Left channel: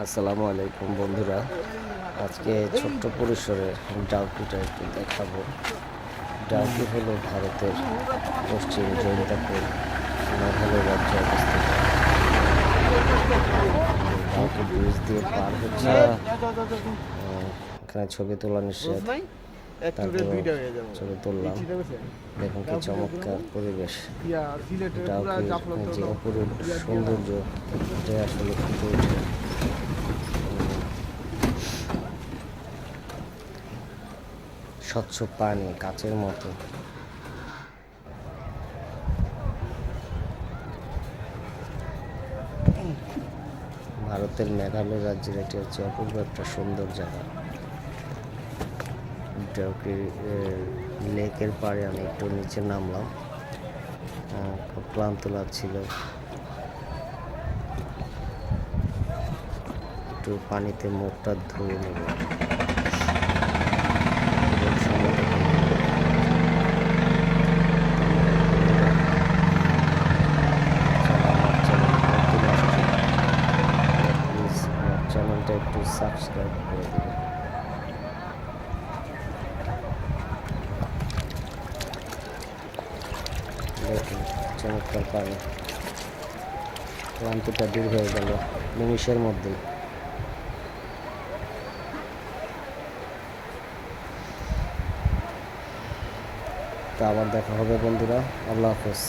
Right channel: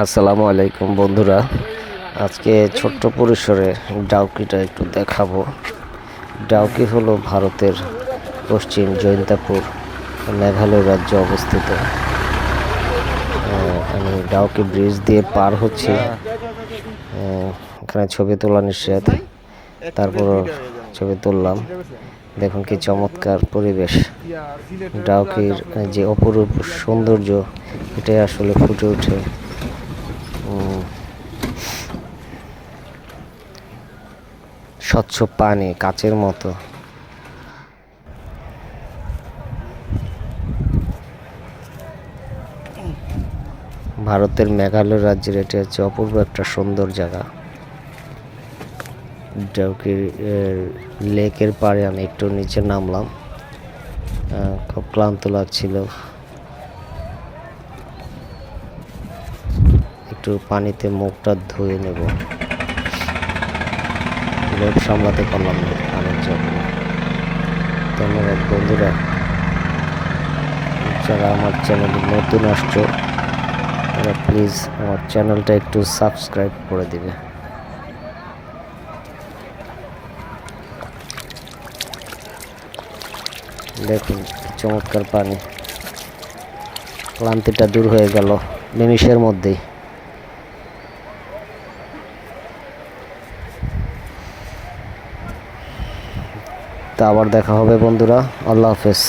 আসসালামু আলাইকুম বন্ধুরা, আজকে ছোট্ট পরিসরে ডাউকিটা একটু দেখাবো। ডাউকি হলো ভারতের পশ্চিম জৈন্তাপুর মেঘালয় রাজ্যে অবস্থিত। আমি ডাউকি ব্রিজ দিয়ে পার হচ্ছি। এখানে ছবি তোলা নিষেধ, তারপর ছবি তুললাম। দেখুন কি চমৎকার পরিবেশ। ডাউকির যে অপরূপ সৌন্দর্য, এটাই আসলে ফুটে ওঠে। স্বচ্ছ পানি কাচের মতো। ভারতের মেঘালয় রাজ্যের এটি হচ্ছে অপূর্ব একটা সুন্দর জায়গা। ডাউকি লেকের পাড়ে আমি একটু নিচে নামলাম, খুব ক্লান্ত লাগছিল। একটু পানিতে মুখটা ধুয়ে নেব, লোভ সামলাতে পারলাম না। ধন্যবাদ বন্ধুরা, যারা আমার চ্যানেলে নতুন আসছো তারা প্লিজ আমার চ্যানেলটা একটু সাবস্ক্রাইব করে দিবে। দেখুন চমৎকার পানি, ক্লান্তিটা দূর হয়ে গেল নিমিষের মধ্যেই। তা আবার দেখা হবে বন্ধুরা, আল্লাহ হাফেজ।